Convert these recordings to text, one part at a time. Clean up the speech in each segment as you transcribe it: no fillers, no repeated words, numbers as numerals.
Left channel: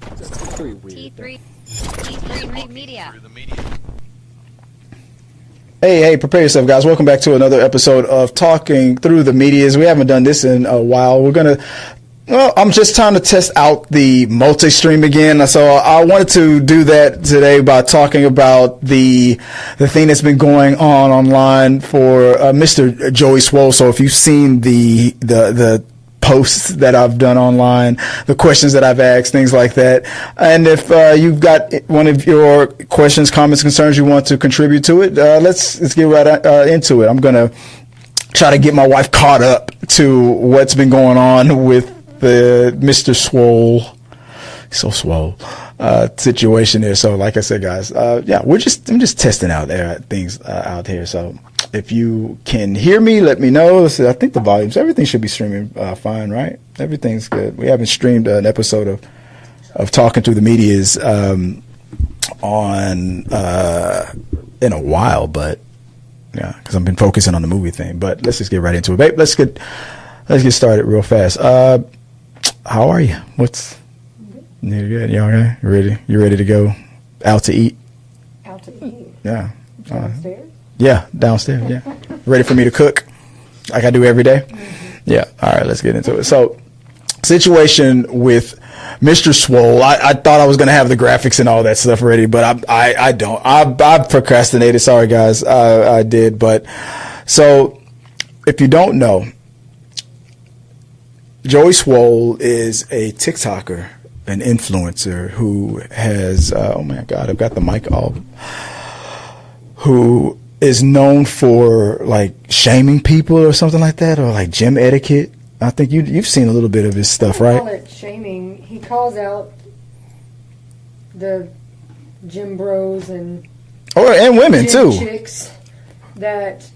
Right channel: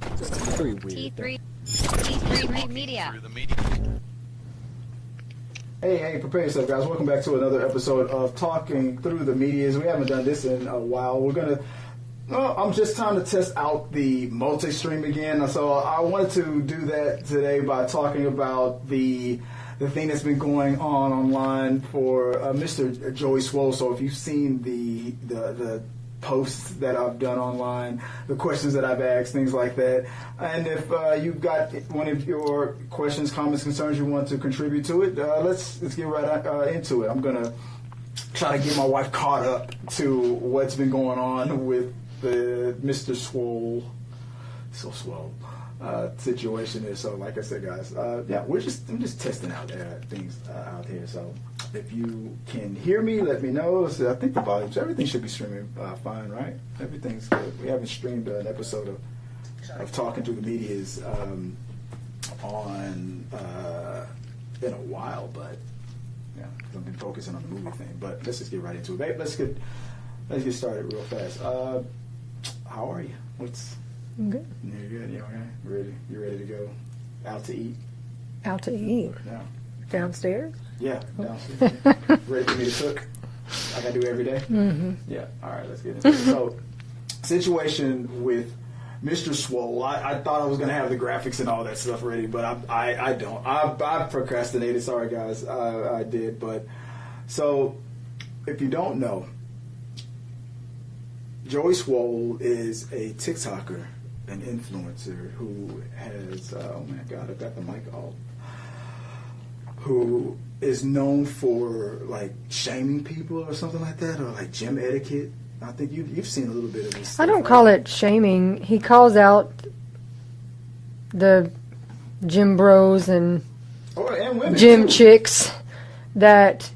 Very weird. T3 Media. Hey, prepare yourself, guys. Welcome back to another episode of Talking Through the Medias. We haven't done this in a while. I'm just trying to test out the multi-stream again. So I wanted to do that today by talking about the thing that's been going on online for Mr. Joey Swoll. So if you've seen the posts that I've done online, the questions that I've asked, things like that. And if you've got one of your questions, comments, concerns you want to contribute to it, let's get right into it. I'm going to try to get my wife caught up to what's been going on with the Mr. Swoll, so swole, situation there. So like I said, guys, I'm just testing out things out here. So if you can hear me, let me know. I think the volumes, everything should be streaming fine, right? Everything's good. We haven't streamed an episode of Talking Through the Medias in a while, but yeah, because I've been focusing on the movie thing. But let's just get right into it, babe. Let's get started real fast. How are you? I'm good. You're good. You okay? You ready to go out to eat? Out to eat? Yeah. Downstairs? Yeah, downstairs. Yeah. Ready for me to cook like I do every day? Mm-hmm. Yeah. All right, let's get into it. So, situation with Mr. Swoll. I thought I was going to have the graphics and all that stuff ready, but I don't. I procrastinated. Sorry, guys. I did. But so, if you don't know, Joey Swoll is a TikToker, an influencer who has, oh my God, I've got the mic off, who is known for like shaming people or something like that, or like gym etiquette. I think you've seen a little bit of his stuff, right? I don't call it shaming. He calls out the gym bros and women gym too, chicks that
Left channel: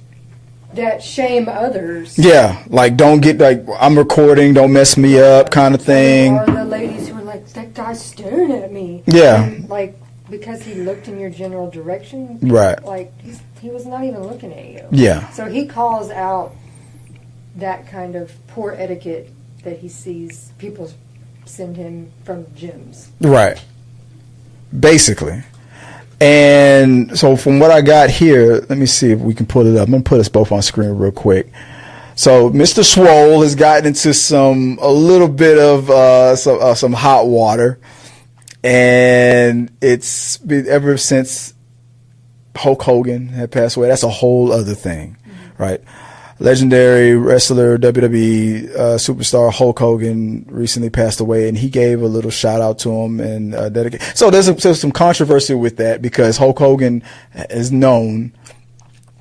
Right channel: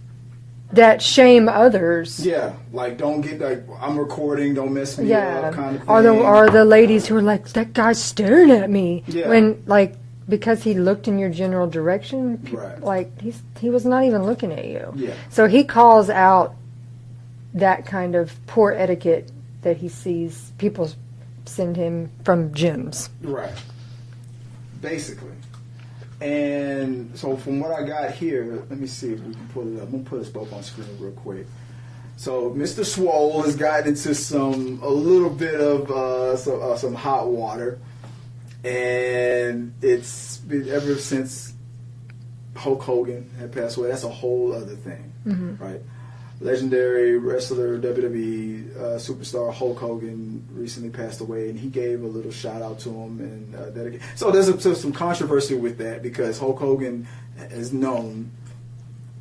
shame others. Yeah, like don't get like I'm recording, don't mess me up, kind of thing. Or the ladies who are like, that guy's staring at me. Yeah, and like because he looked in your general direction, right? Like he was not even looking at you. Yeah. So he calls out that kind of poor etiquette that he sees people send him from gyms. Right. Basically. And so from what I got here, let me see if we can pull it up. I'm going to put us both on screen real quick. So Mr. Swoll has gotten into a little bit of some hot water. And it's been ever since Hulk Hogan had passed away. That's a whole other thing, right? Legendary wrestler, WWE superstar Hulk Hogan recently passed away, and he gave a little shout out to him and dedicated. So there's some controversy with that because Hulk Hogan is known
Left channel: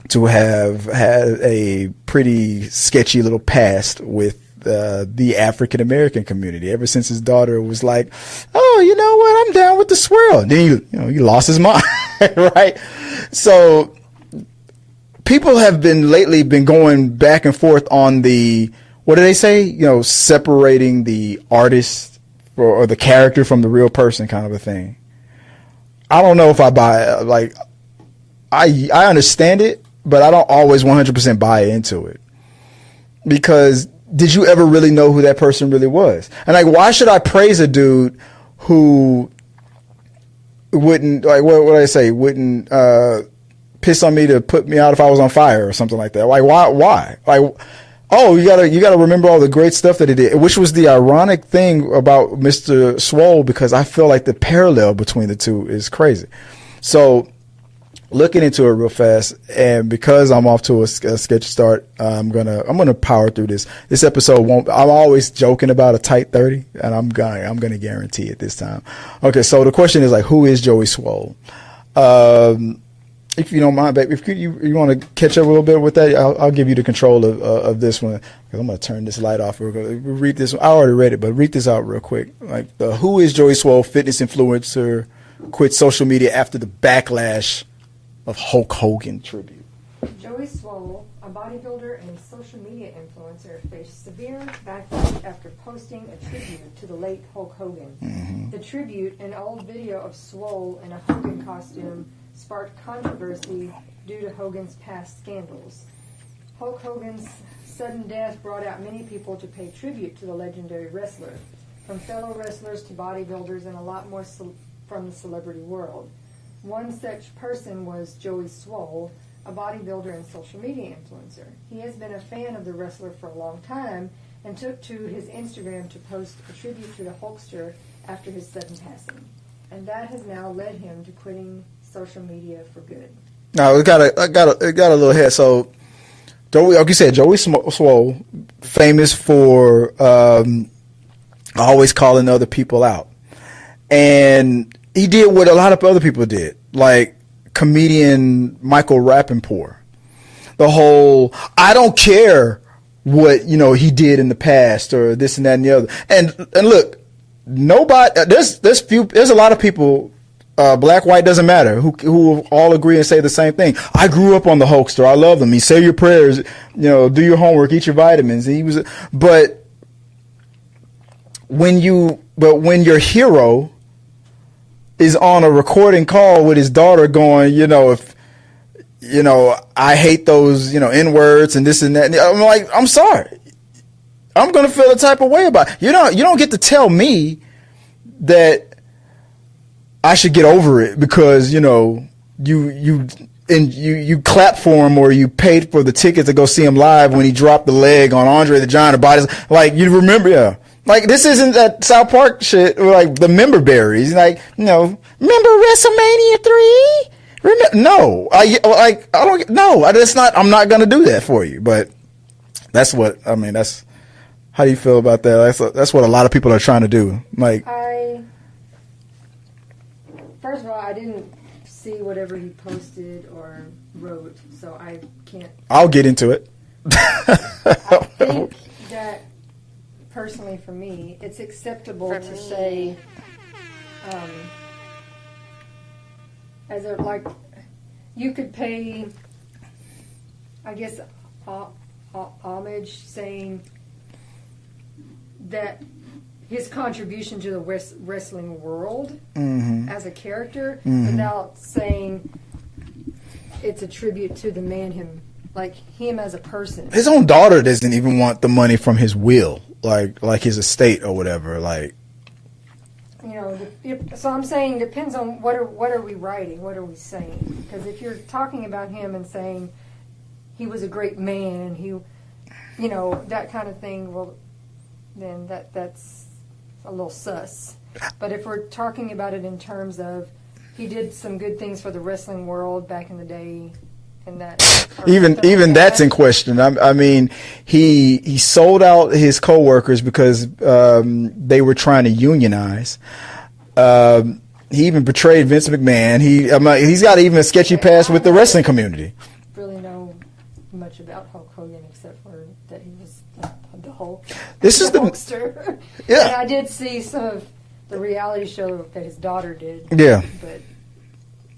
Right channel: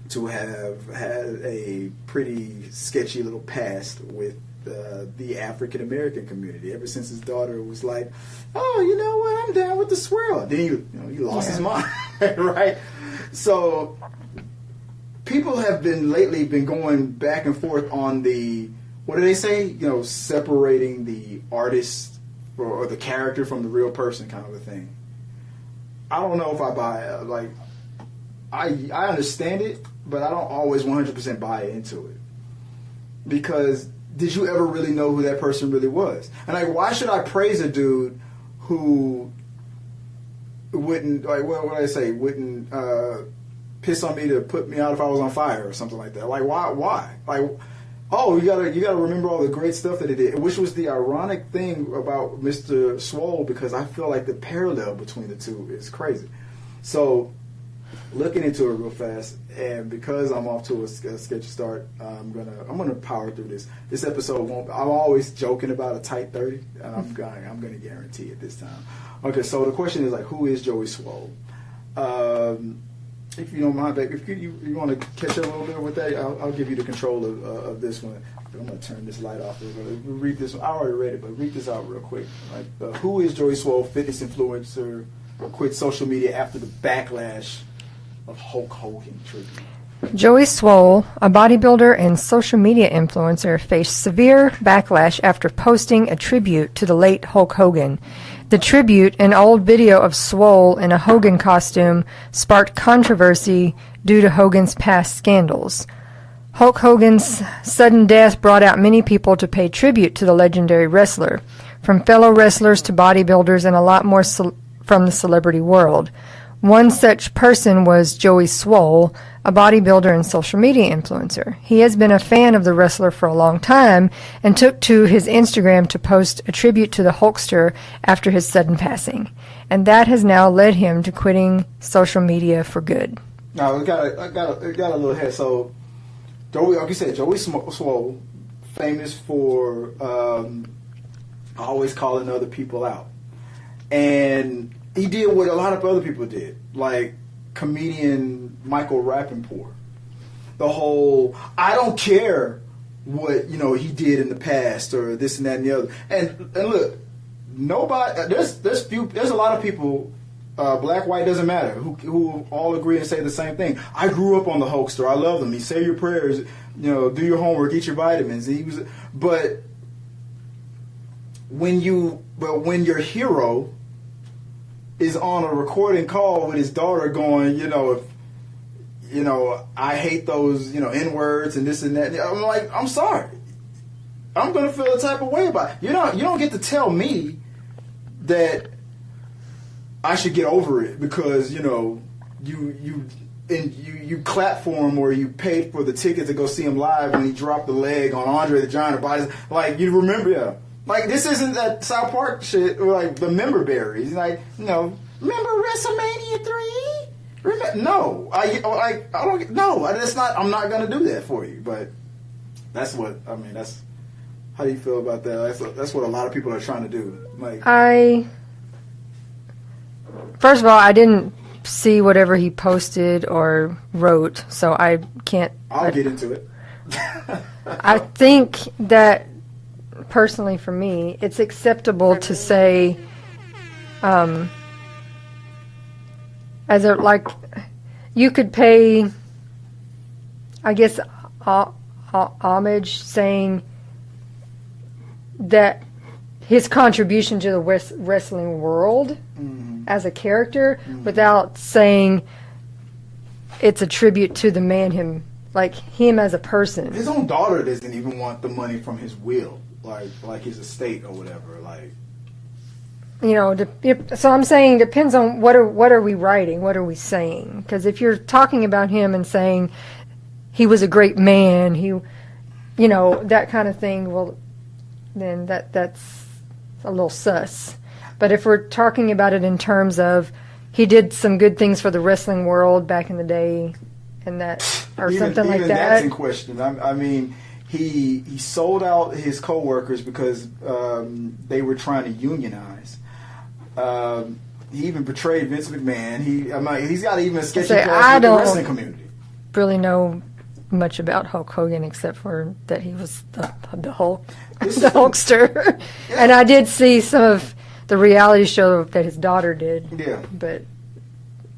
to have had a pretty sketchy little past with the African American community. Ever since his daughter was like, "Oh, you know what? I'm down with the swirl." And then he lost his mind, right? So people have lately been going back and forth on what do they say? Separating the artist or the character from the real person, kind of a thing. I don't know if I buy it. Like, I understand it, but I don't always 100% buy into it. Because did you ever really know who that person really was? And like, why should I praise a dude who wouldn't, like, what would I say? Wouldn't piss on me to put me out if I was on fire or something like that. Like, why? Like, oh, you gotta remember all the great stuff that he did, which was the ironic thing about Mr. Swoll, because I feel like the parallel between the two is crazy. So, looking into it real fast, and because I'm off to a sketchy start, I'm gonna power through this. This episode won't. I'm always joking about a tight 30, and I'm gonna guarantee it this time. Okay, so the question is like, who is Joey Swoll? If you don't mind, babe, if you want to catch up a little bit with that, I'll give you the control of this one. I'm going to turn this light off. We're going to read this one. I already read it, but read this out real quick. Like, who is Joey Swoll, fitness influencer, quit social media after the backlash of Hulk Hogan tribute? Joey Swoll, a bodybuilder and social media influencer, faced severe backlash after posting a tribute to the late Hulk Hogan. The tribute, an old video of Swoll in a Hogan costume, sparked controversy due to Hogan's past scandals. Hulk Hogan's sudden death brought out many people to pay tribute to the legendary wrestler. from fellow wrestlers to bodybuilders and a lot more from the celebrity world. One such person was Joey Swoll, a bodybuilder and social media influencer. He has been a fan of the wrestler for a long time and took to his Instagram to post a tribute to the Hulkster after his sudden passing. And that has now led him to quitting social media for good. Now, it got a little head. So, Joey, like you said, Joey Swoll, famous for always calling other people out. And he did what a lot of other people did, like comedian Michael Rappaport. The whole, I don't care what, he did in the past or this and that and the other. And look, nobody, there's a lot of people, black, white, doesn't matter, who all agree and say the same thing. I grew up on the Hulkster. I love him. He say your prayers, do your homework, eat your vitamins. But when your hero is on a recording call with his daughter going, I hate those, N-words and this and that. I'm like, I'm sorry. I'm going to feel a type of way about it. You don't get to tell me that I should get over it because, you clapped for him or you paid for the ticket to go see him live when he dropped the leg on Andre the Giant or bodies. Like, you remember, yeah. Like, this isn't that South Park shit, or like the member berries. Like, remember WrestleMania 3? No, that's not. I'm not gonna do that for you. But that's what I mean. That's how do you feel about that? That's what a lot of people are trying to do. Like, first of all, I didn't see whatever he posted or wrote, so I can't. I'll get into it. I think that. Personally, for me, it's acceptable to say, you could pay, I guess, homage, saying that his contribution to the wrestling world as a character, without saying it's a tribute to the man, him as a person. His own daughter doesn't even want the money from his will. Like his estate or whatever, so I'm saying depends on what are we writing, what are we saying? Because if you're talking about him and saying he was a great man, that kind of thing, well, then that's a little sus. But if we're talking about it in terms of he did some good things for the wrestling world back in the day, and that even that's in question. I mean, he sold out his coworkers because they were trying to unionize. He even betrayed Vince McMahon. He's got even a sketchy past with the wrestling community. Really know much about Hulk Hogan except for that he was the Hulk, the Hulkster. Yeah. And I did see some of the reality show that his daughter did. Yeah, but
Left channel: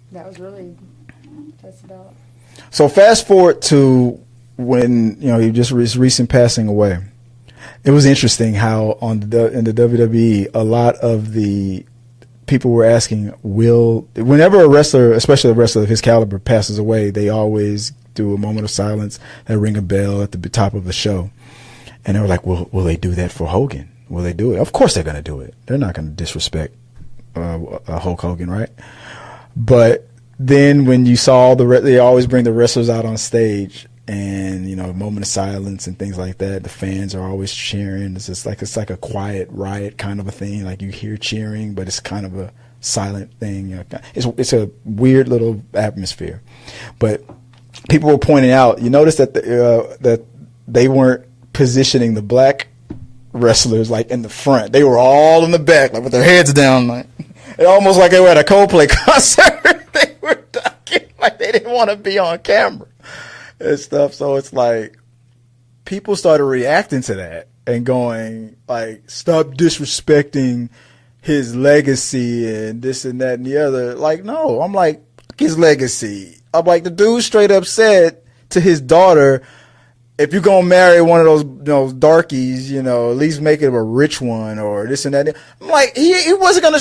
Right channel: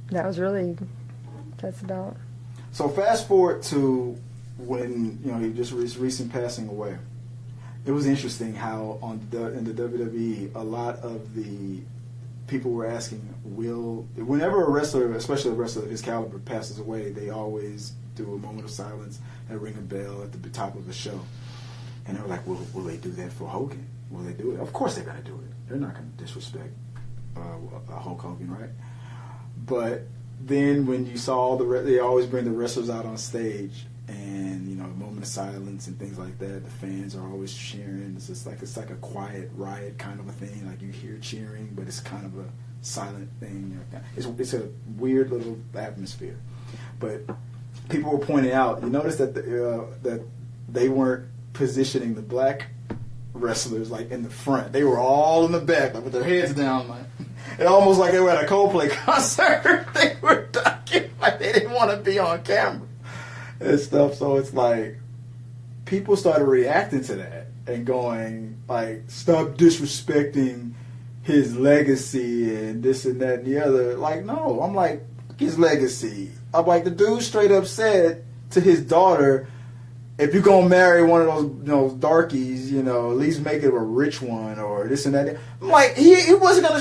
that's about. So fast forward to when he just his recent passing away. It was interesting how in the WWE, a lot of the people were asking, whenever a wrestler, especially a wrestler of his caliber, passes away, they always do a moment of silence and ring a bell at the top of the show. And they were like, will they do that for Hogan? Will they do it? Of course they're going to do it. They're not going to disrespect Hulk Hogan, right? But then when you saw they always bring the wrestlers out on stage and, a moment of silence and things like that. The fans are always cheering. It's like a quiet riot kind of a thing. Like you hear cheering, but it's kind of a silent thing. It's a weird little atmosphere. But people were pointing out, you notice that that they weren't positioning the black wrestlers like in the front. They were all in the back, like with their heads down, like almost like they were at a Coldplay concert. They were ducking, like they didn't want to be on camera and stuff. So it's like people started reacting to that and going like, stop disrespecting his legacy and this and that and the other. Like, no, I'm like, fuck his legacy. I'm like, the dude straight up said to his daughter, if you're gonna marry one of those darkies, at least make it a rich one or this and that. I'm like, he wasn't gonna.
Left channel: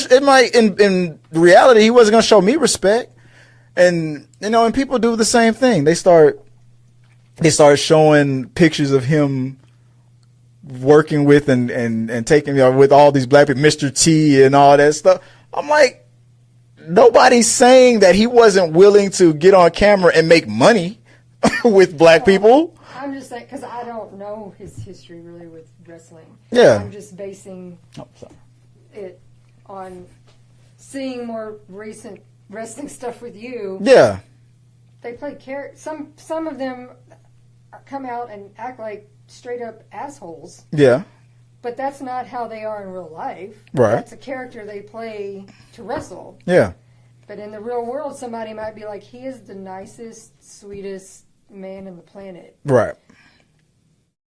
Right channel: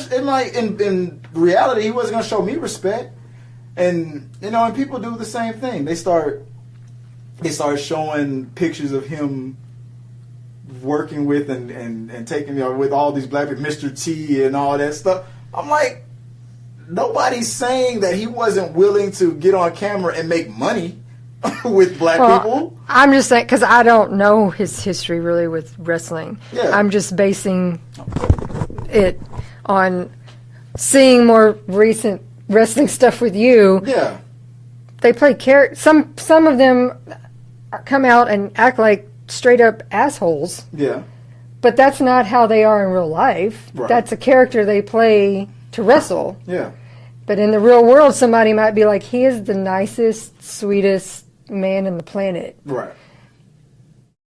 In reality, he wasn't gonna show me respect. And and people do the same thing. They start showing pictures of him working with and taking, with all these black people, Mr. T and all that stuff. I'm like, nobody's saying that he wasn't willing to get on camera and make money with black people. I'm just saying, because I don't know his history really with wrestling. Yeah. I'm just basing it on seeing more recent wrestling stuff with you. Yeah. They play some of them come out and act like straight up assholes. Yeah. But that's not how they are in real life. Right. That's a character they play to wrestle. Yeah. But in the real world, somebody might be like, he is the nicest, sweetest man in the planet. Right.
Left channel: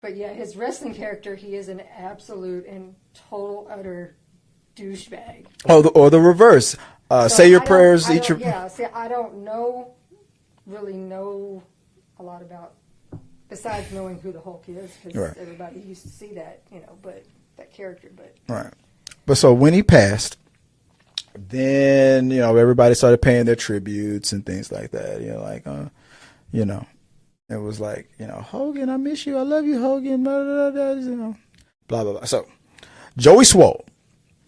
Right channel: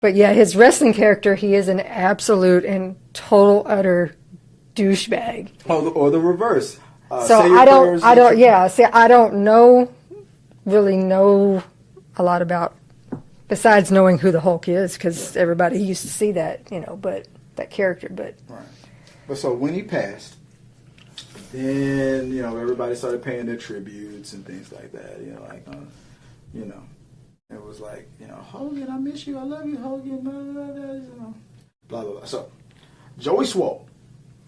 But yeah, his wrestling character, he is an absolute and total utter douchebag. Or the reverse. Say your prayers. I don't really know a lot about, besides knowing who the Hulk is, because everybody used to see that, but that character. But right. But so when he passed, then everybody started paying their tributes and things like that. It was like, Hogan, I miss you, I love you, Hogan, blah blah blah, blah blah blah. So Joey Swoll,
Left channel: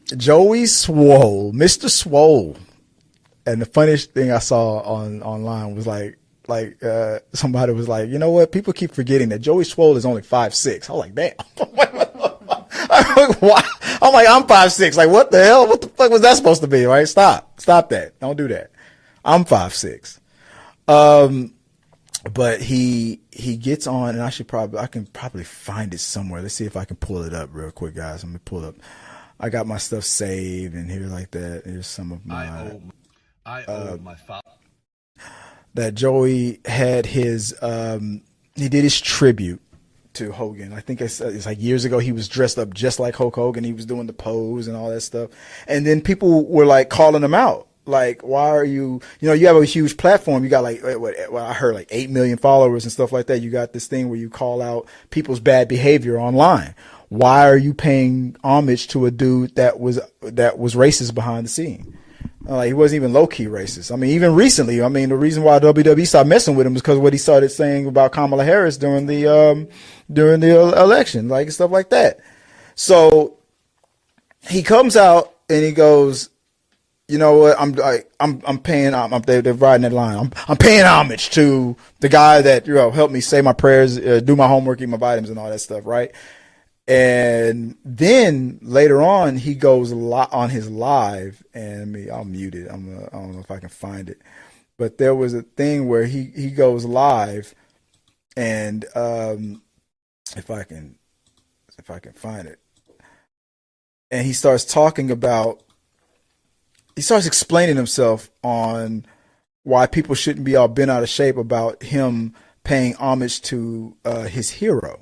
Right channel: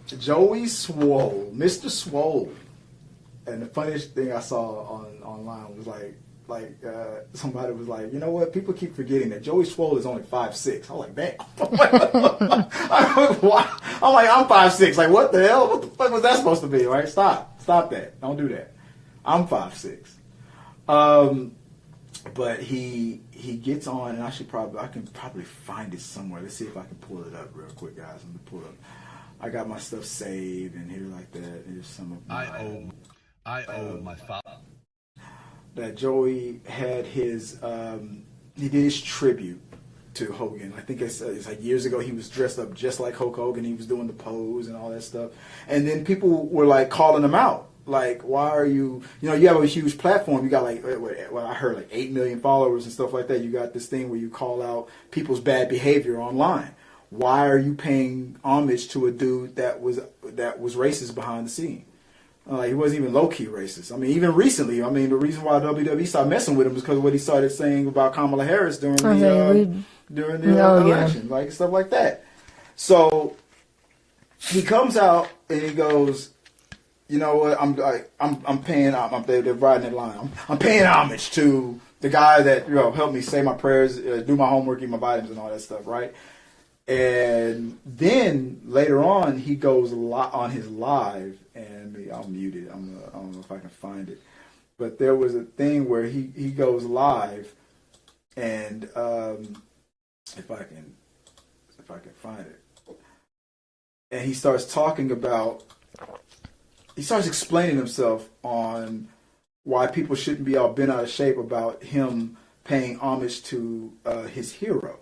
Mr. Swoll, and the funniest thing I saw online was like somebody was like, you know what? People keep forgetting that Joey Swoll is only 5'6". I was like, damn. I'm like, why? I'm like, I'm 5'6". Like, what the hell? What the fuck was that supposed to be? Right? Stop that. Don't do that. I'm 5'6". But he gets on, and I can probably find it somewhere. Let's see if I can pull it up real quick, guys. Let me pull it up. I got my stuff saved in here like that. Here's some of my. I owe my father. That Joey had his, he did his tribute to Hogan. I think it's like years ago. He was dressed up just like Hulk Hogan. He was doing the pose and all that stuff. And then people were like calling him out. Like, why are you, you have a huge platform. You got like, I heard like 8 million followers and stuff like that. You got this thing where you call out people's bad behavior online. Why are you paying homage to a dude that was racist behind the scene? He wasn't even low-key racist. I mean, even recently, the reason why WWE stopped messing with him is because of what he started saying about Kamala Harris during the election, like stuff like that. So he comes out and he goes, you know what? I'm paying. They're riding that line. I'm paying homage to the guy that helped me say my prayers, do my homework, eat my vitamins, and all that stuff, right? And then later on, he goes on his live, and I'll mute it. I don't know if I can find it, but there was a thing where he goes live, and if I can find it, and he starts explaining himself on why people shouldn't be all bent out of shape about him paying homage to his hero.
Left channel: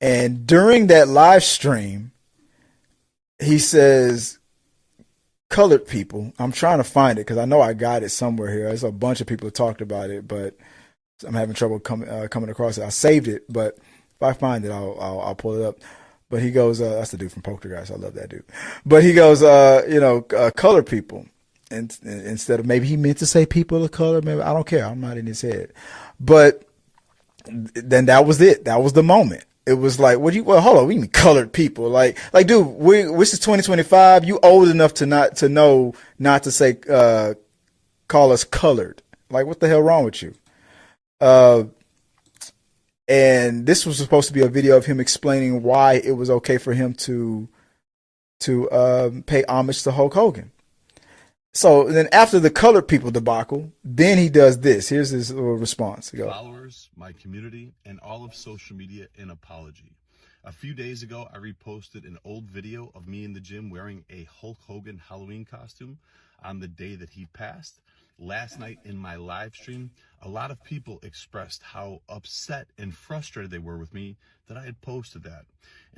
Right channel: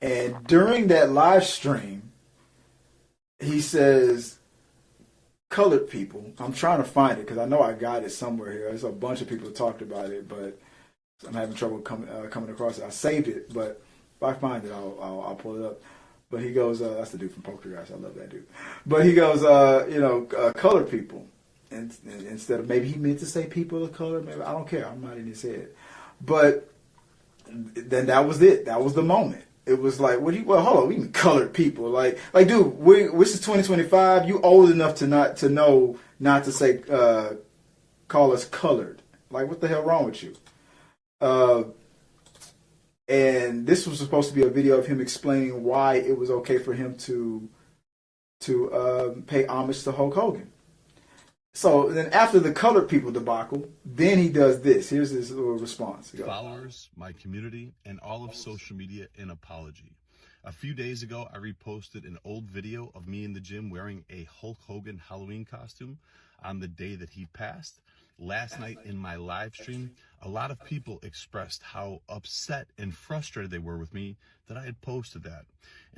And during that live stream, he says, colored people, I'm trying to find it because I know I got it somewhere here. There's a bunch of people who talked about it, but I'm having trouble coming across it. I saved it, but if I find it, I'll pull it up. But he goes, that's the dude from Poltergeist. I love that dude. But he goes, colored people. And instead of, maybe he meant to say people of color, maybe, I don't care. I'm not in his head. But then that was it. That was the moment. It was like, hold on, we mean colored people. Like, dude, this is 2025. You old enough to know not to say, call us colored. Like, what the hell wrong with you? And this was supposed to be a video of him explaining why it was okay for him to pay homage to Hulk Hogan. So then after the colored people debacle, then he does this. Here's his little response. Followers, my community, and all of social media, an apology. A few days ago, I reposted an old video of me in the gym wearing a Hulk Hogan Halloween costume on the day that he passed. Last night in my live stream, a lot of people expressed how upset and frustrated they were with me that I had posted that.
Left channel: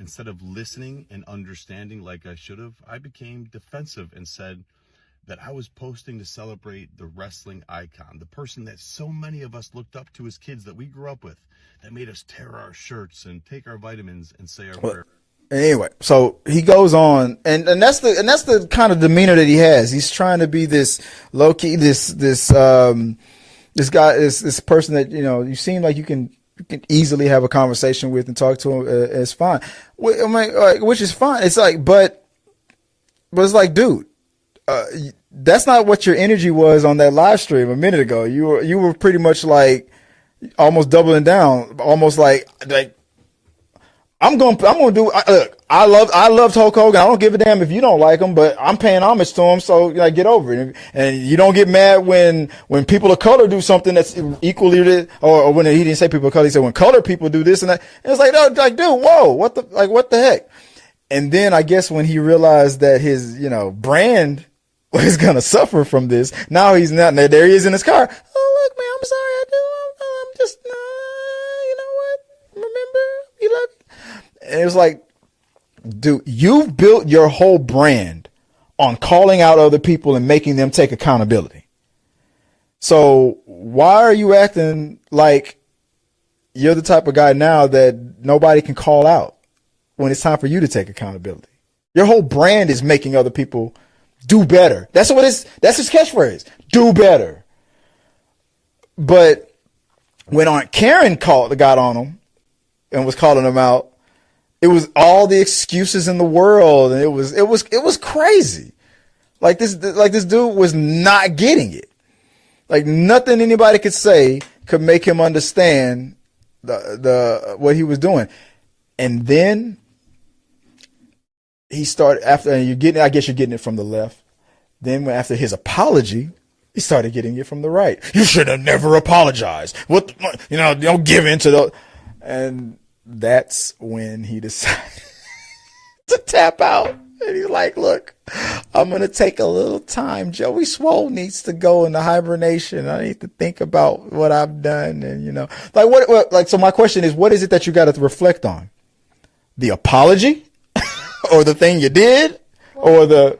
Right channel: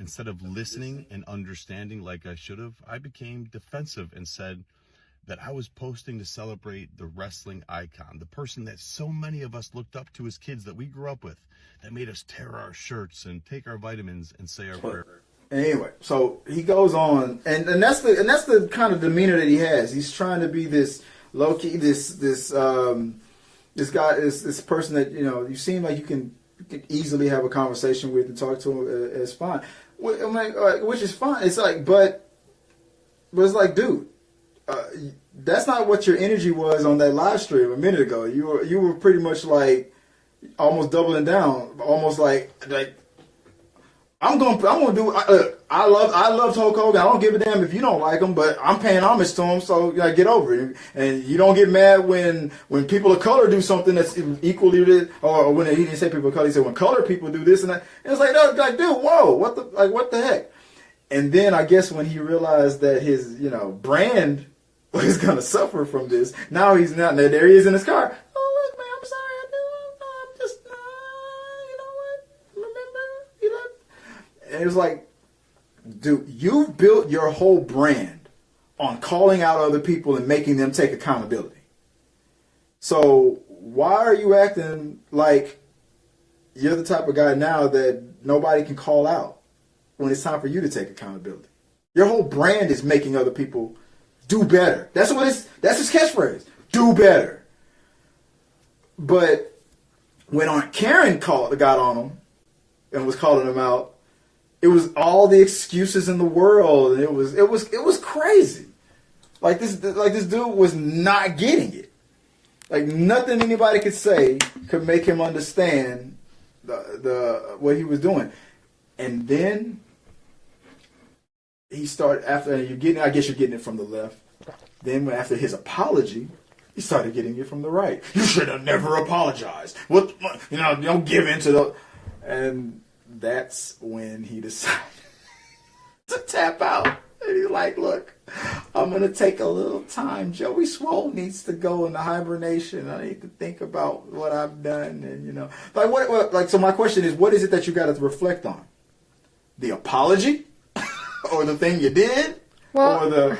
Instead of listening and understanding like I should have, I became defensive and said that I was posting to celebrate the wrestling icon, the person that so many of us looked up to as kids that we grew up with, that made us tear our shirts and take our vitamins and say our prayers. Anyway, so he goes on, and that's the kind of demeanor that he has. He's trying to be this low key, this guy, this person that you seem like you can can easily have a conversation with and talk to him. It's fine. I mean, which is fine. It's like, but it's like, dude, that's not what your energy was on that live stream a minute ago. You were pretty much like almost doubling down, almost like I'm gonna do. Look, I loved Hulk Hogan. I don't give a damn if you don't like him, but I'm paying homage to him. So like, get over it. And you don't get mad when people of color do something that's equally, or when he didn't say people of color, he said when colored people do this and that. And it's like, no, like, dude, whoa, what the heck? And then I guess when he realized that his brand was gonna suffer from this, now he's not. There he is in his car. Oh look, man, I'm sorry, I'm just you know what? Remember, you love. And it was like, dude, you've built your whole brand on calling out other people and making them take accountability. So why are you acting like you're the type of guy now that nobody can call out when it's time for you to take accountability? Your whole brand is making other people do better. That's his catchphrase. Do better. But when Aunt Karen got on him and was calling him out, it was all the excuses in the world, and it was crazy. Like this dude was not getting it. Like nothing anybody could say could make him understand the what he was doing. And then he started I guess you're getting it from the left. Then after his apology, he started getting it from the right. You should have never apologized. Don't give in to the. And that's when he decided to tap out. And he's like, look, I'm going to take a little time. Joey Swoll needs to go into hibernation. I need to think about what I've done. And, so my question is, what is it that you got to reflect on? The apology or the thing you did or the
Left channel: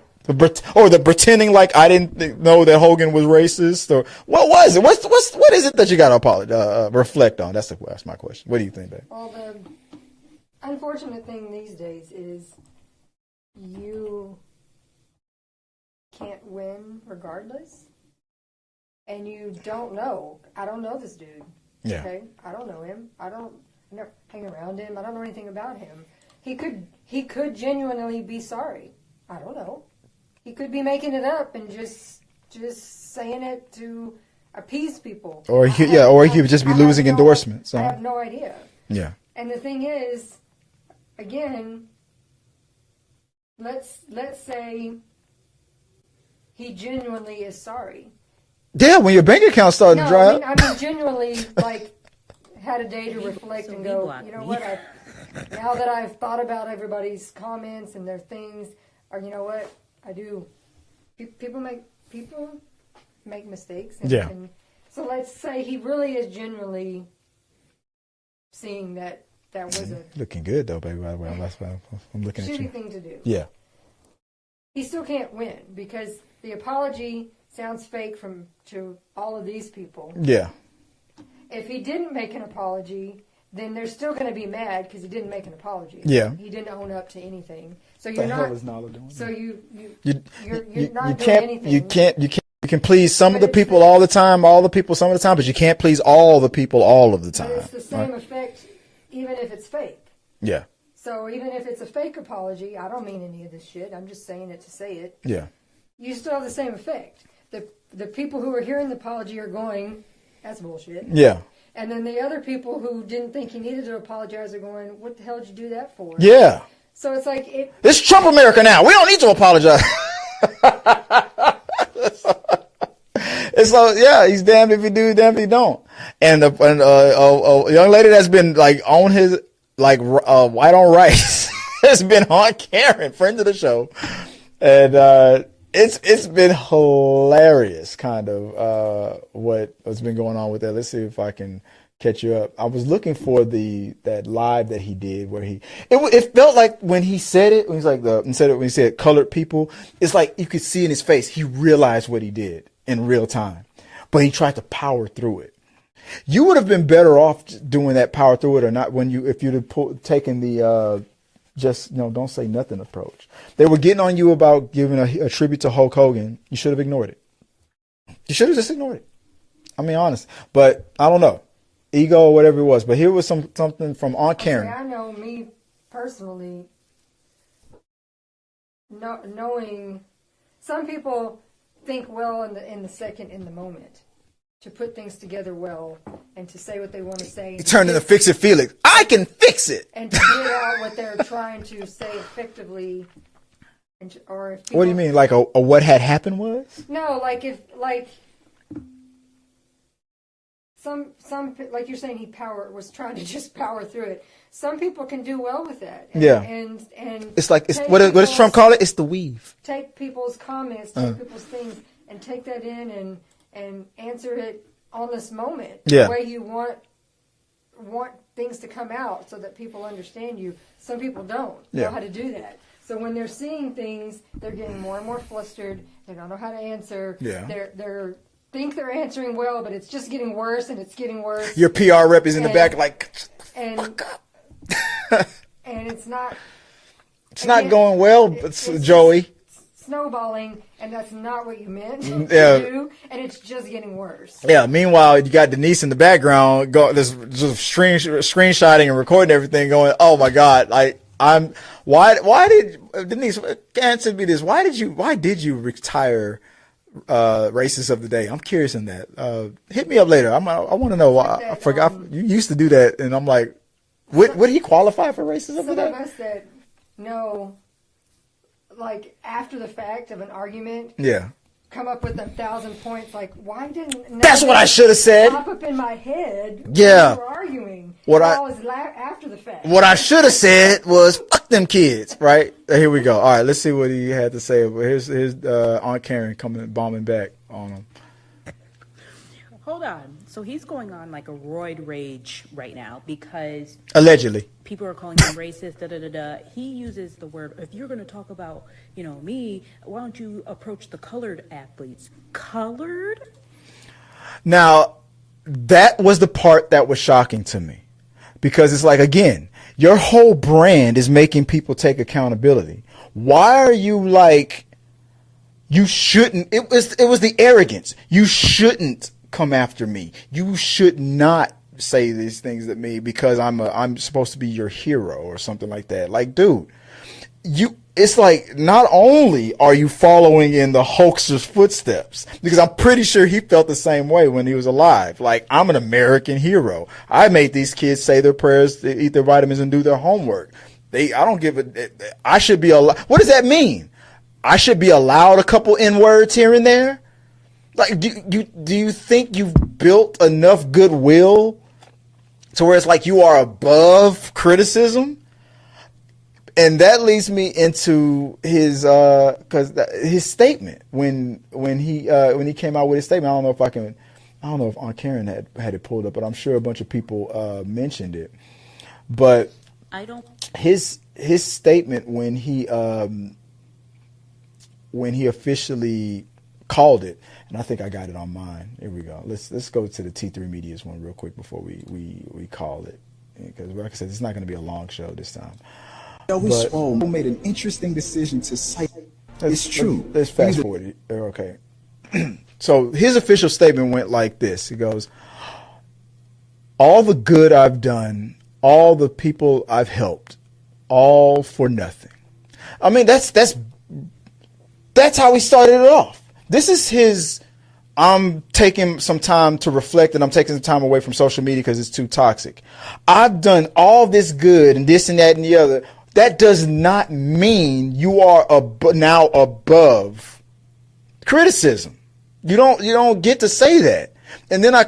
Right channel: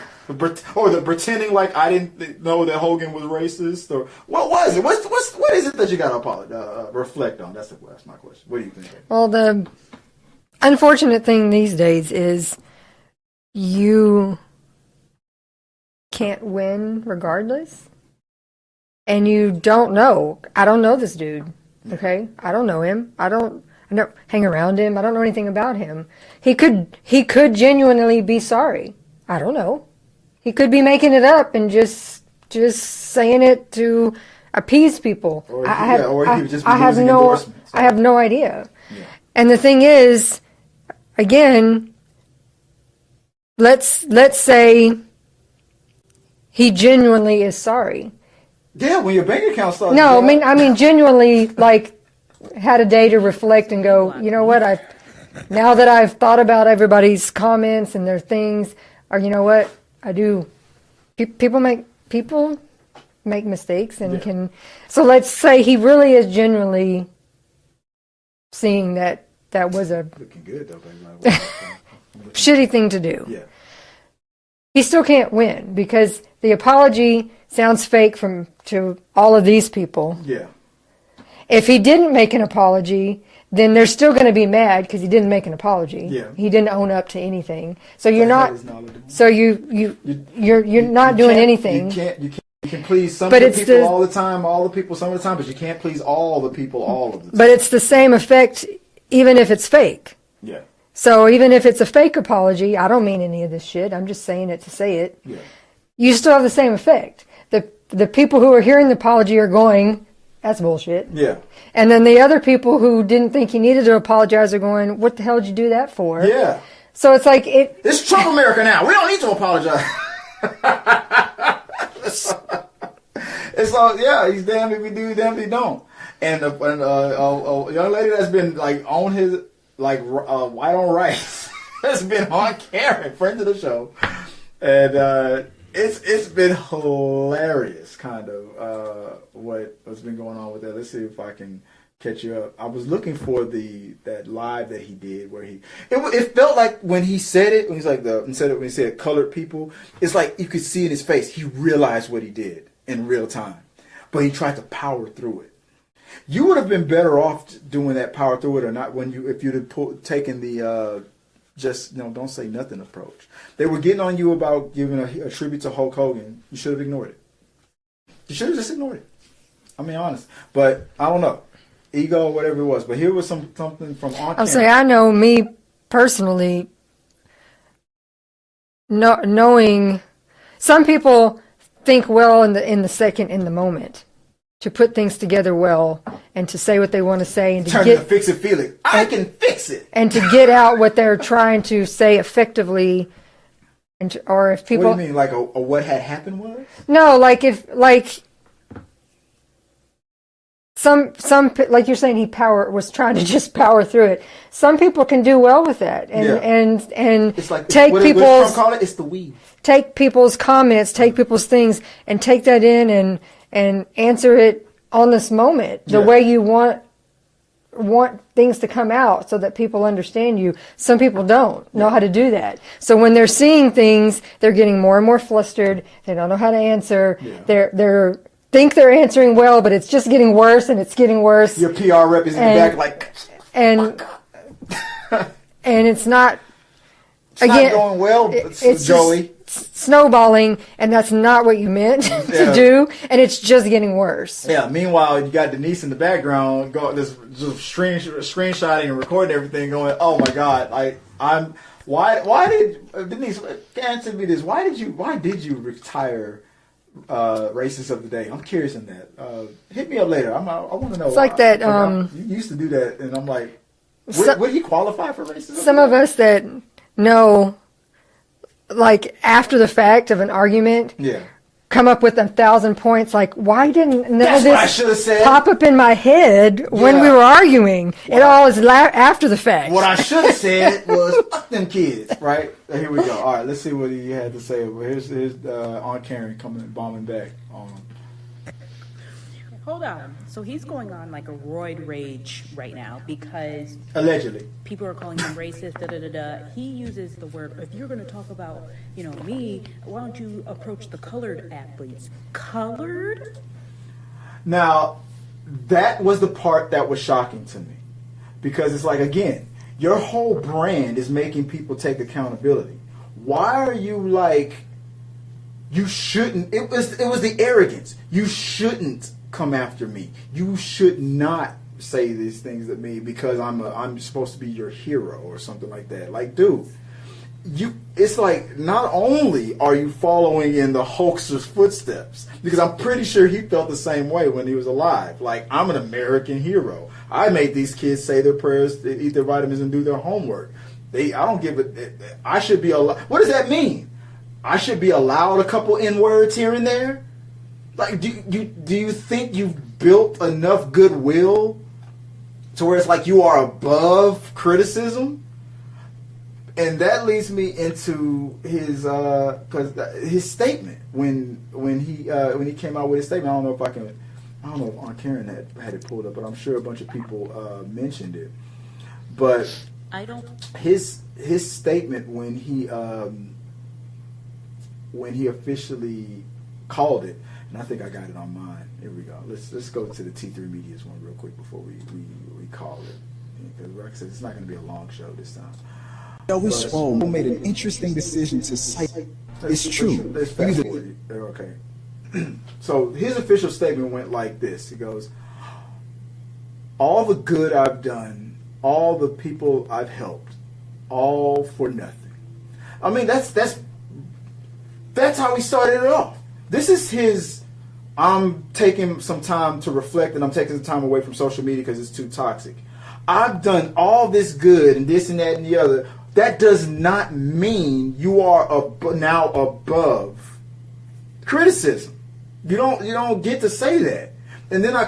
pretending like I didn't know that Hogan was racist, or what was it? What is it that you got to apologize, reflect on? That's my question. What do you think, babe? Well, the unfortunate thing these days is you can't win regardless, and you don't know. I don't know this dude. Yeah. Okay, I don't know him. I don't hang around him. I don't know anything about him. He could genuinely be sorry. I don't know. He could be making it up and just saying it to appease people. Or he could just be losing endorsements. I have no idea. Yeah. And the thing is, again, let's say he genuinely is sorry. Yeah, when your bank account starts. No, I mean genuinely, like, had a day to reflect and go, you know what? Now that I've thought about everybody's comments and their things, or you know what? I do. People make mistakes and can. So let's say he really is genuinely seeing that was a looking good though, baby. By the way, I'm shitty thing to do. Yeah. He still can't win because the apology sounds fake to all of these people. Yeah. If he didn't make an apology, then they're still going to be mad because he didn't make an apology. Yeah. He didn't own up to anything. So you're not. So you're not doing anything. You can please some of the people all the time, all the people some of the time, but you can't please all the people all of the time. But it's the same effect, even if it's fake. Yeah. So even if it's a fake apology, I don't mean any of this shit. I'm just saying it to say it. Yeah. You still have the same effect. The people who are hearing the apology are going, that's bullshit. Yeah. And then the other people who didn't think he needed to apologize are going, what the hell did you do that for? Yeah. So it's like this is Trump America now. We don't need to apologize. It's like, yeah, he's damned if he do, damned if he don't. And a young lady that's been like on his white on rice has been on Karen, friend of the show, and it's been hilarious, kind of what's been going on with that. Let's see if I can catch you up. I was looking for that live that he did where it felt like when he said it, when he's like when he said colored people, it's like you could see in his face he realized what he did in real time, but he tried to power through it. You would have been better off doing that power through it or not if you'd have taken the don't say nothing approach. They were getting on you about giving a tribute to Hulk Hogan. You should have ignored it. You should have just ignored it. I mean, honest. But I don't know. ego or whatever it was. But here was something from on I'll camera. say I know me personally, knowing some people think well in the second, in the moment, to put things together well and to say what they want to say and Turn to the fix it Felix. I can fix it. and to get out what they're trying to say effectively. And or if people, What do you mean, like a what had happened was? no, like if like some like you're saying, he was trying to just power through it. Some people can do well with that, and Yeah. and It's like take what does people's Trump call it? It's the weave. take people's comments, take people's things, and take that in and answer it on this moment the Yeah. way you want things to come out so that people understand you. Some people don't know how to do that. So when they're seeing things, they're getting more and more flustered. They don't know how to answer. Yeah. They're think they're answering well, but it's just getting worse and it's getting worse. Your PR rep is in the And- back like, and and it's not it's not going well, it's Joey. just snowballing, and that's not what you meant Yeah. to do, and it's just getting worse. Yeah. Meanwhile, you got Denise in the background, just screenshotting and recording everything, going, "Oh my God! Why did Denise answer me this? Why did you retire Racist of the Day? I'm curious on that. Hit me up later. I want to know. It's like that, I forgot, you used to do that, and I'm like, would he qualify for racism? Some of us that know, like after the fact of an argument, Yeah. come up with 1,000 points. Like, why didn't none That's of what I this should have said. pop up in my head when Yeah. we were arguing? What it I- all is after the fact. What I should have said was "fuck them kids," right? Here we go. All right, let's see what he had to say. Here's Aunt Karen coming bombing back on him. Hold on. So he's going on like a roid rage right now because Allegedly. people are calling him racist, da da da da. He uses the word, if you're going to talk about, me, why don't you approach the colored athletes? Colored? Now, that was the part that was shocking to me, because it's like, again, your whole brand is making people take accountability. Why are you like, you shouldn't? It was the arrogance. You shouldn't come after me. You should not say these things to me because I'm supposed to be your hero or something like that. Like, dude, it's like, not only are you following in the hoaxer's footsteps, because I'm pretty sure he felt the same way when he was alive. Like, I'm an American hero. I made these kids say their prayers, eat their vitamins, and do their homework. I don't give it. I should be allowed. What does that mean? I should be allowed a couple N-words here and there? Like, do you think you've built enough goodwill to where it's like you are above criticism? And that leads me into his statement when he came out with his statement. I don't know if Aunt Karen had it pulled up, but I'm sure a bunch of people mentioned it. But I don't. his statement when he officially called it, and I think I got it on mine. Here we go. Let's go to the T3 Media's one real quick before we call it, because like I said, it's not going to be a long show this time. Swoll made an interesting decision to cite. It's true. Let's fast forward it. Okay. So his official statement went like this. He goes, "All the good I've done, all the people I've helped, all for nothing." I mean, that's how he started it off. This is his, I'm taking some time to reflect and I'm taking some time away from social media because it's too toxic. I've done all this good and this and that and the other. That does not mean you are now above criticism. You don't get to say that. And then I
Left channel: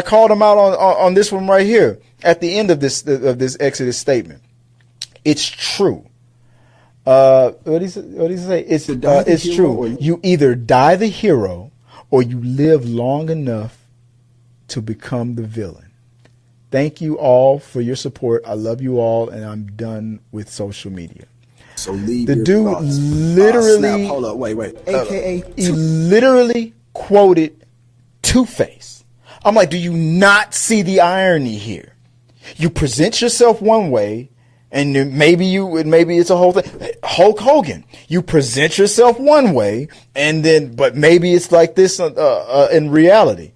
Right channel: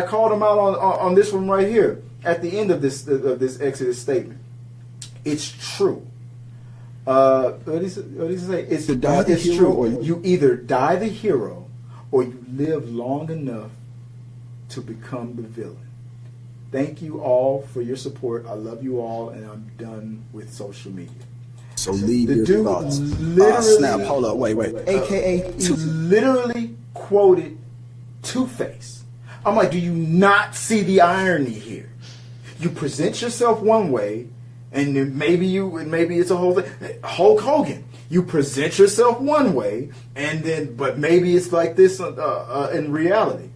called him out on this one right here at the end of this Exodus statement. It's true. What did he say? It's true. Or you either die the hero or you live long enough to become the villain. Thank you all for your support. I love you all, and I'm done with social media. So leave The your dude thoughts. literally, Snap, hold up, wait. AKA he literally quoted Two-Face. I'm like, do you not see the irony here? You present yourself one way, and maybe it's a whole thing. Hulk Hogan, you present yourself one way, but maybe it's like this in reality.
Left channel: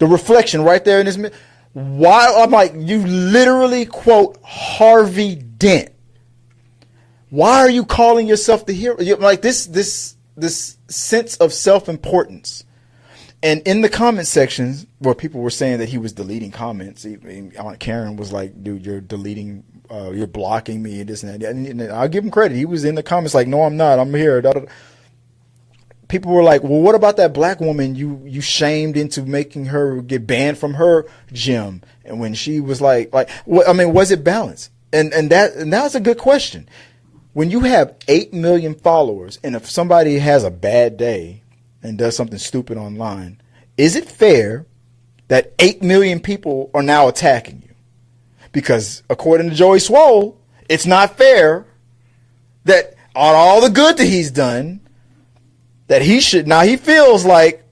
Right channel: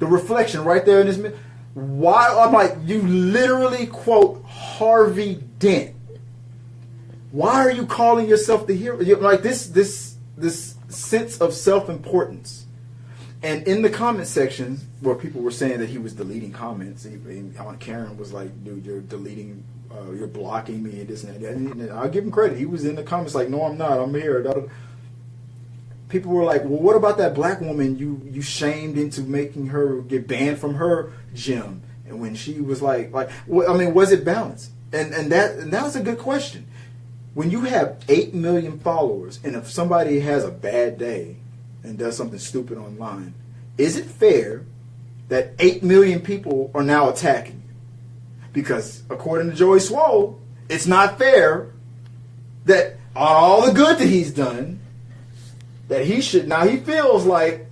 The reflection right there in this. Why? I'm like, you literally quote Harvey Dent. Why are you calling yourself the hero? You're like this sense of self-importance. And in the comment sections, where people were saying that he was deleting comments, Aunt Karen was like, dude, you're deleting, you're blocking me and this and that. And I'll give him credit. He was in the comments like, no, I'm not. I'm here. People were like, well, what about that black woman you shamed into making her get banned from her gym? And when she was like, I mean, was it balanced? And that's a good question. When you have 8 million followers, and if somebody has a bad day and does something stupid online, is it fair that 8 million people are now attacking you? Because according to Joey Swoll, it's not fair that on all the good that he's done, that he feels like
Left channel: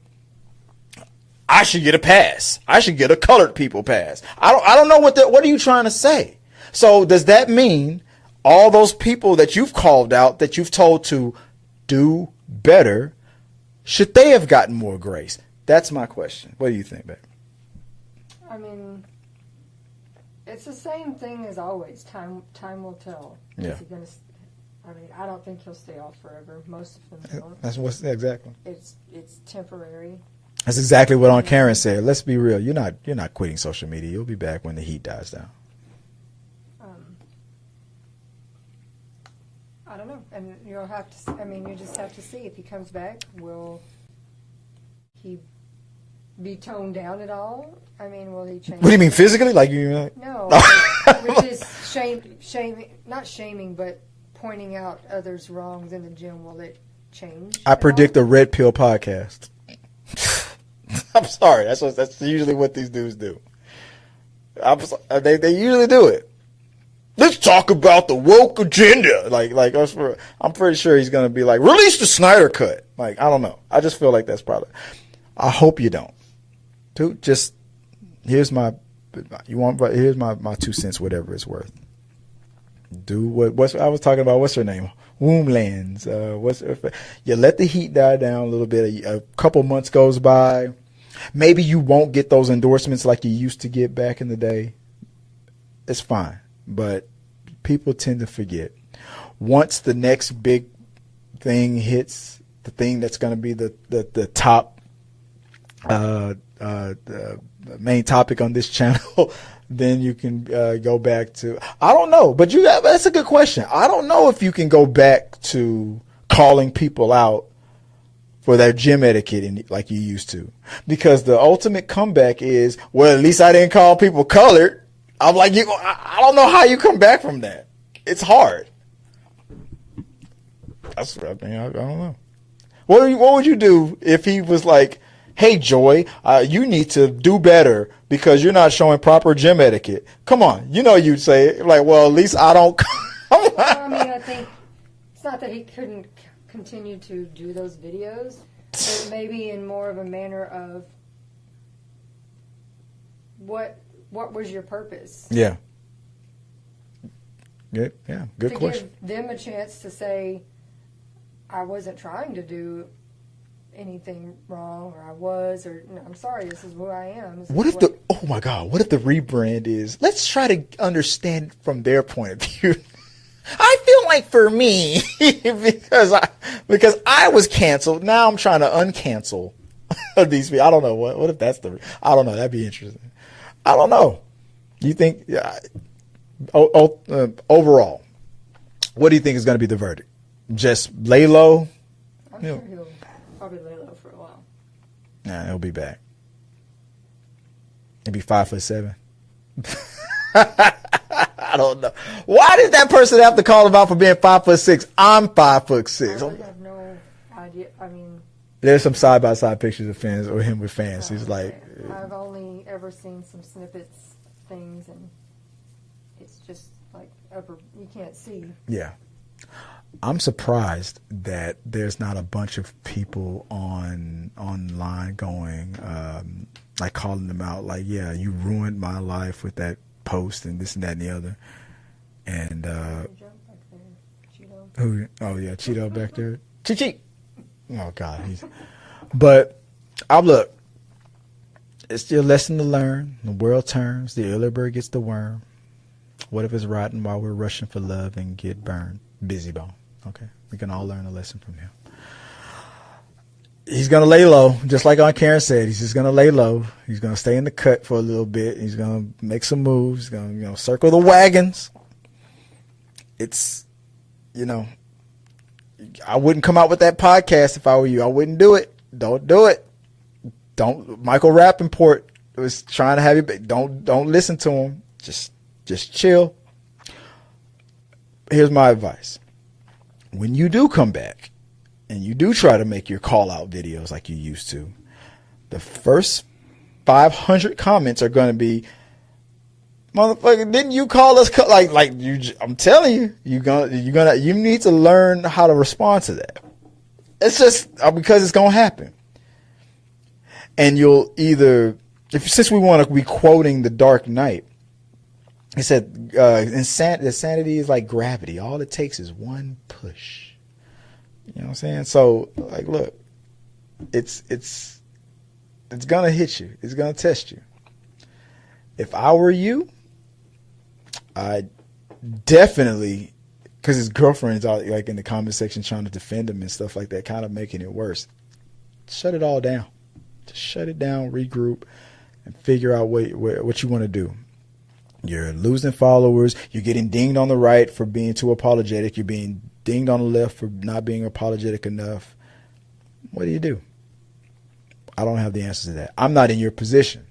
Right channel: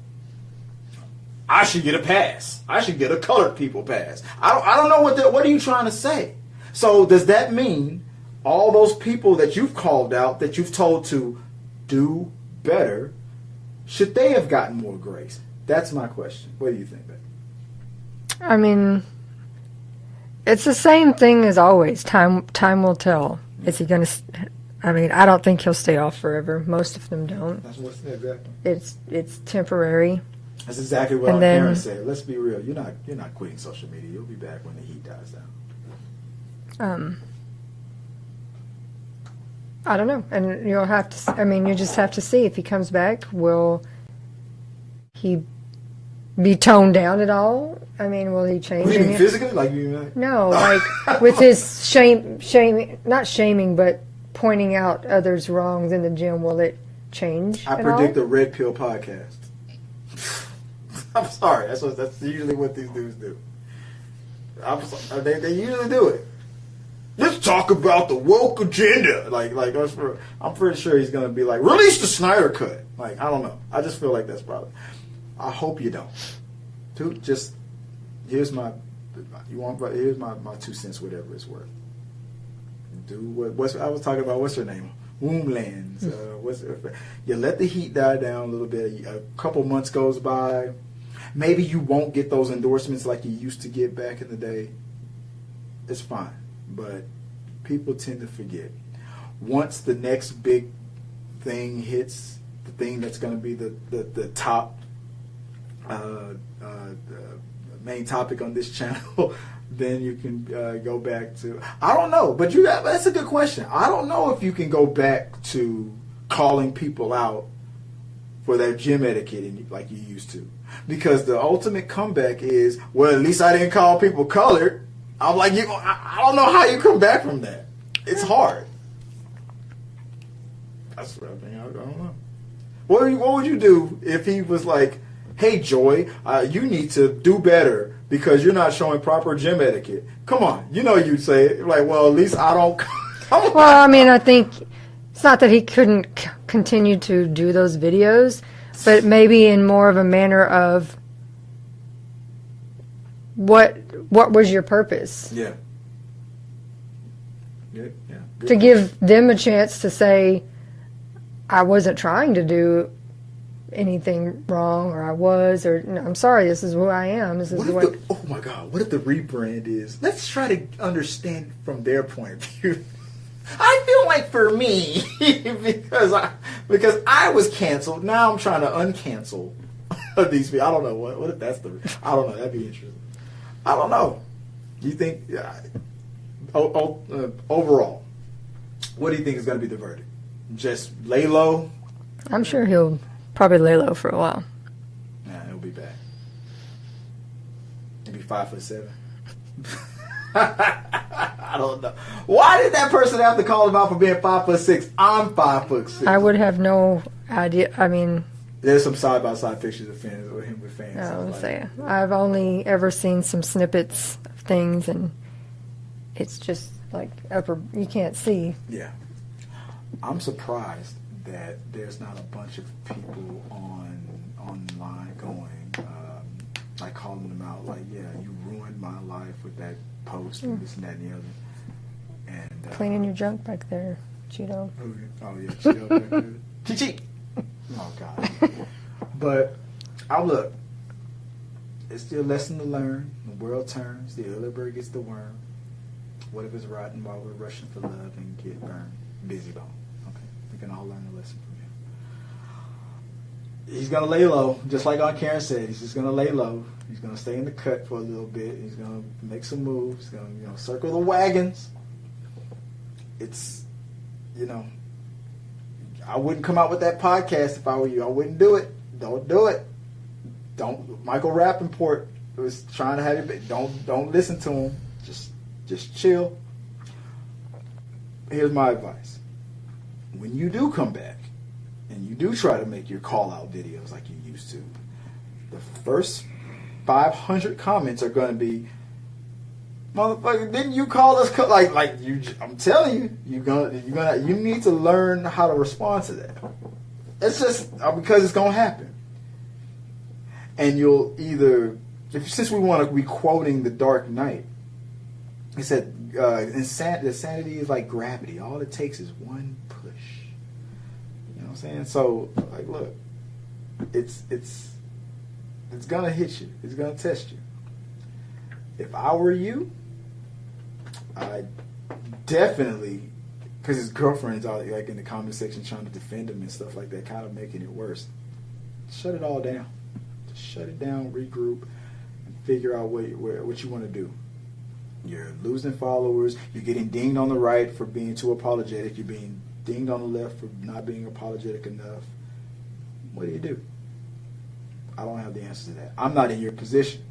I should get a pass. I should get a colored people pass. I don't know what are you trying to say? So does that mean all those people that you've called out, that you've told to do better, should they have gotten more grace? That's my question. What do you think, Beck? I mean, it's the same thing as always. Time will tell. Yeah. Is he going to? I mean, I don't think he'll stay off forever. Most of them don't. That's exactly. It's temporary. That's exactly what And Aunt then- Karen said. Let's be real. You're not quitting social media. You'll be back when the heat dies down. I don't know, and you'll have to. I mean, you just have to see if he comes back. Will he be toned down at all? I mean, will he change? What do you mean it? physically? Like you? No, like with his shaming, not shaming, but pointing out others' wrongs in the gym. Will it change? I predict a red pill podcast. I'm sorry. That's usually what these dudes do. They usually do it. Let's talk about the woke agenda. I'm pretty sure he's gonna be like, release the Snyder Cut. Like, I don't know. I just feel like that's probably. I hope you don't. Dude, just here's my 2 cents, whatever it's worth. Do what I was talking about. What's her name? Womblands. You let the heat die down a little bit. A couple months goes by. Maybe you won't get those endorsements like you used to get back in the day. It's fine. But people tend to forget. Once the next big thing hits, the thing that's going to be the top the main topic on this channel, then you can go back to, I don't know, but that's a good question. I don't know if you can go back to calling people out for their gym etiquette like you used to, because the ultimate comeback is, well, at least I didn't call people colored. I'm like, I don't know how you come back from that. It's hard. I don't know. What would you do if he was like, hey, Joy, you need to do better because you're not showing proper gym etiquette? Come on. You'd say, like, well, at least I don't. Well, I mean, I think it's not that he couldn't continue to do those videos, but maybe in more of a manner of what was your purpose? Yeah. Good. Yeah. Good To question. give them a chance to say, I wasn't trying to do anything wrong, or I was, or no, I'm sorry, this is who I am. This is Oh my God, what if the rebrand is, let's try to understand from their point of view. I feel like for me, because I was canceled, now I'm trying to uncancel these people. I don't know. What if that's I don't know. That'd be interesting. I don't know. You think, overall, what do you think is going to be the verdict? Just lay low? I'm sure he'll probably lay low for a while. Nah, he'll be back. He'll be 5'7". I don't know. Why did that person have to call him out for being 5'6"? I'm 5'6". I would have no idea. I mean, there's some side by side pictures of fans or him with fans. He's like, I've only ever seen some snippets of things, and it's just like you can't see. yeah. I'm surprised that there's not a bunch of people online going, like calling them out, like, yeah, you ruined my life with that post and this and that and the other. And Cleaning your junk back there, Cheeto. who? Oh yeah, Cheeto back there. Chi. Oh God. But look, It's your lesson to learn. The world turns, the early bird gets the worm. What if it's rotten while we're rushing for love and get burned? Busy bone. Okay, we can all learn a lesson from him. He's going to lay low, just like Aunt Karen said. He's just going to lay low. He's going to stay in the cut for a little bit. He's going to make some moves. He's going to, circle the wagons. It's, I wouldn't come out with that podcast if I were you. I wouldn't do it. Don't do it. Don't. Michael Rappaport was trying to have you. Don't listen to him. Just chill. Here's my advice. When you do come back, and you do try to make your call-out videos like you used to, the first 500 comments are going to be, "Motherfucker, didn't you call us?" Like you. I'm telling you, you need to learn how to respond to that. It's just because it's going to happen, and you'll either, since we want to be quoting The Dark Knight, he said, "Insanity is like gravity. All it takes is one push." You know what I'm saying? So, like, look, it's gonna hit you. It's gonna test you. If I were you, I definitely, because his girlfriend's out like in the comment section trying to defend him and stuff like that, kind of making it worse. Shut it all down. Just shut it down, regroup, and figure out what you want to do. You're losing followers. You're getting dinged on the right for being too apologetic. You're being dinged on the left for not being apologetic enough. What do you do? I don't have the answers to that. I'm not in your position.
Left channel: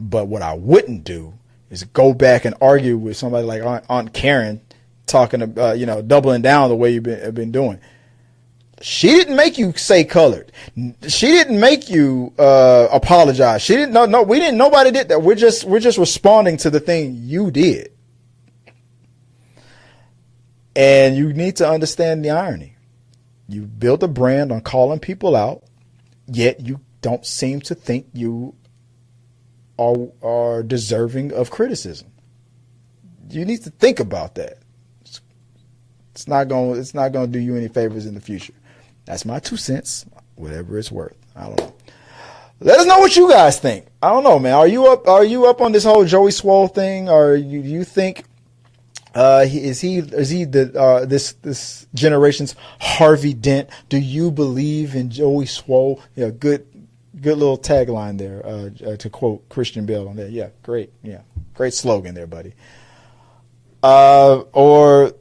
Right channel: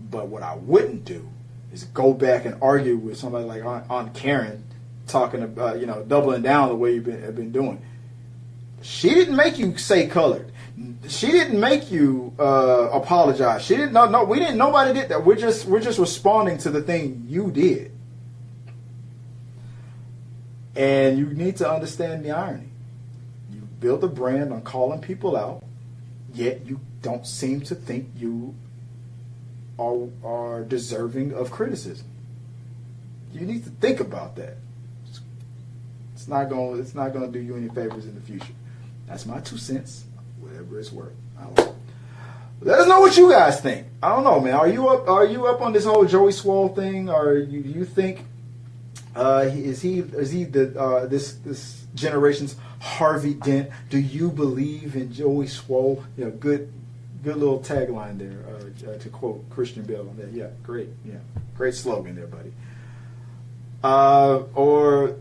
But what I wouldn't do is go back and argue with somebody like Aunt Karen, talking about, doubling down the way you've been doing. She didn't make you say colored. She didn't make you apologize. She didn't. No, we didn't. Nobody did that. We're just responding to the thing you did. And you need to understand the irony. You built a brand on calling people out, yet you don't seem to think you are deserving of criticism. You need to think about that. It's not going to do you any favors in the future. That's my 2 cents, whatever it's worth. I don't know. Let us know what you guys think. I don't know, man. Are you up on this whole Joey Swoll thing, or you think is he this generation's Harvey Dent? Do you believe in Joey Swoll? Yeah, good little tagline there, to quote Christian Bale on there. Yeah, great slogan there, buddy. Or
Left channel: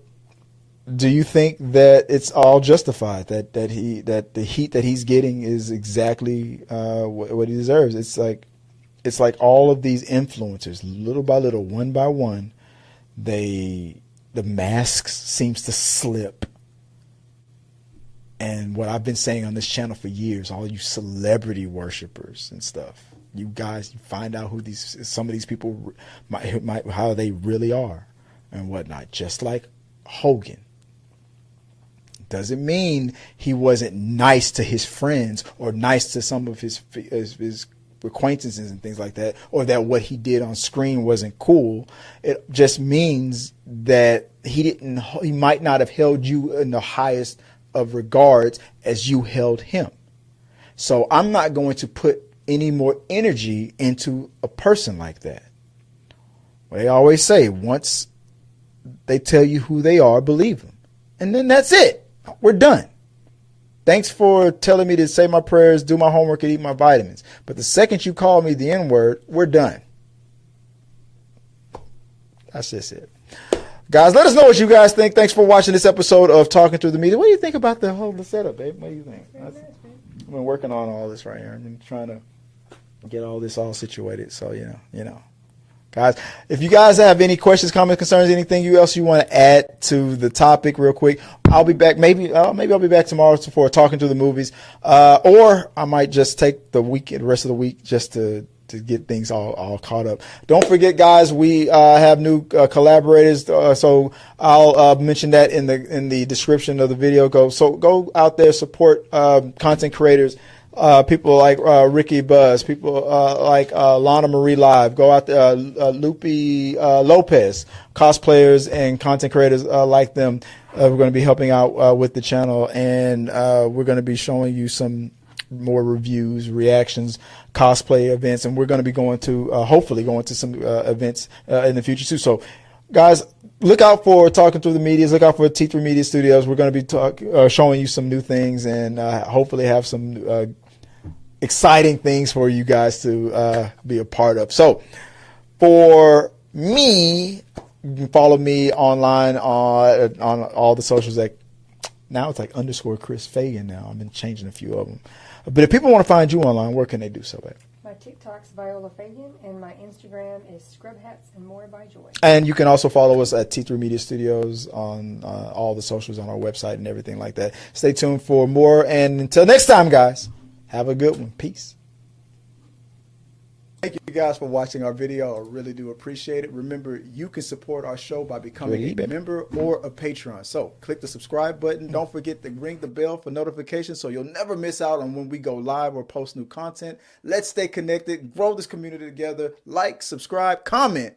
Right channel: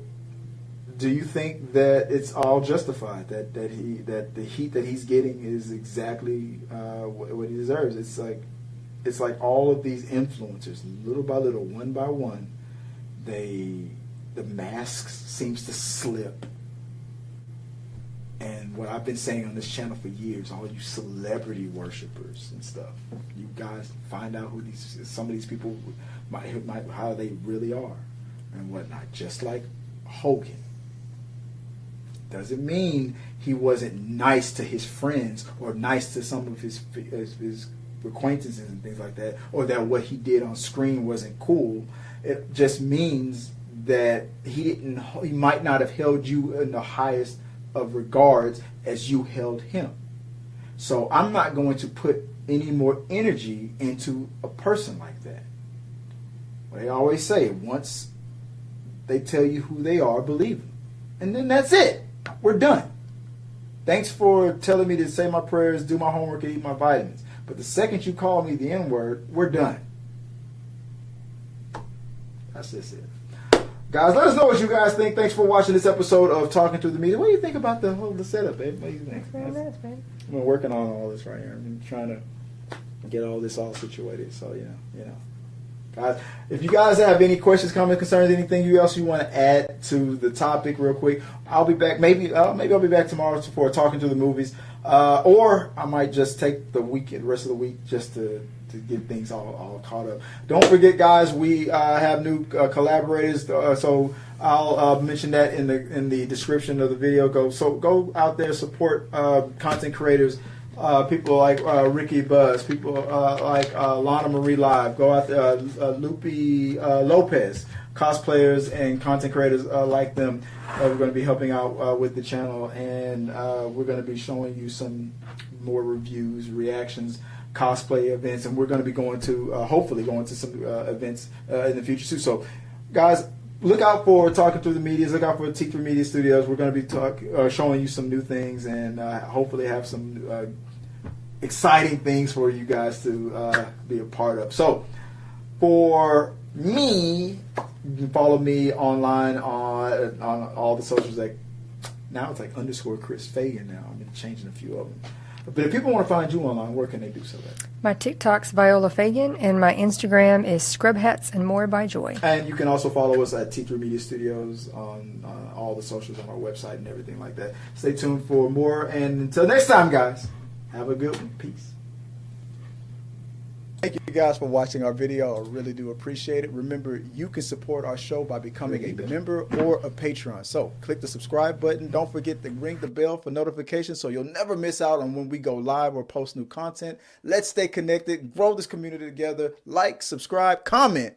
do you think that it's all justified, that the heat that he's getting is exactly what he deserves? It's like all of these influencers, little by little, one by one, the masks seems to slip. And what I've been saying on this channel for years, all you celebrity worshipers and stuff, you guys find out who some of these people how they really are and whatnot. Just like Hogan. Doesn't mean he wasn't nice to his friends or nice to some of his acquaintances and things like that, or that what he did on screen wasn't cool. It just means that he might not have held you in the highest of regards as you held him. So I'm not going to put any more energy into a person like that. Well, they always say, once they tell you who they are, believe them. And then that's it. We're done. Thanks for telling me to say my prayers, do my homework, and eat my vitamins. But the second you call me the N-word, we're done. That's just it. Guys, let us know what you guys think. Thanks for watching this episode of Talking Through the Media. What do you think about the setup, babe? What do you think? I've been working on all this right here. I've been trying to get all this all situated. So, you know. Guys, if you guys have any questions, comments, concerns, anything else you want to add to the topic real quick, I'll be back. Maybe I'll be back tomorrow for Talking Through the Movies. Or I might just take the rest of the week just to get things all caught up. Don't forget, guys, we have new collaborators. So I'll mention that in the description of the video. Go out there, support content creators. People like Ricky Buzz, people like Lana Marie Live, go out there, Lupe Lopez, cosplayers and content creators like them. We're going to be helping out with the channel, and we're going to be showing you some more reviews, reactions, cosplay events, and we're going to be going to hopefully going to some events in the future too. So, guys, look out for Talking Through the Medias. Look out for T3 Media Studios. We're going to be showing you some new things and hopefully have some exciting things for you guys to be a part of. So, for me, you can follow me online on all the socials. Now it's like _Chris Fagan now. I've been changing a few of them. But if people want to find you online, where can they do so? My TikTok's Viola Fagan, and my Instagram is Scrub Hats and More by Joy. And you can also follow us at T3 Media Studios on all the socials on our website and everything like that. Stay tuned for more. And until next time, guys, have a good one. Peace. Thank you guys for watching our video. I really do appreciate it. Remember, you can support our show by becoming a member or a patron. So click the subscribe button. Don't forget to ring the bell for notifications so you'll never miss out on when we go live or post new content. Let's stay connected, grow this community together. Like, subscribe, comment.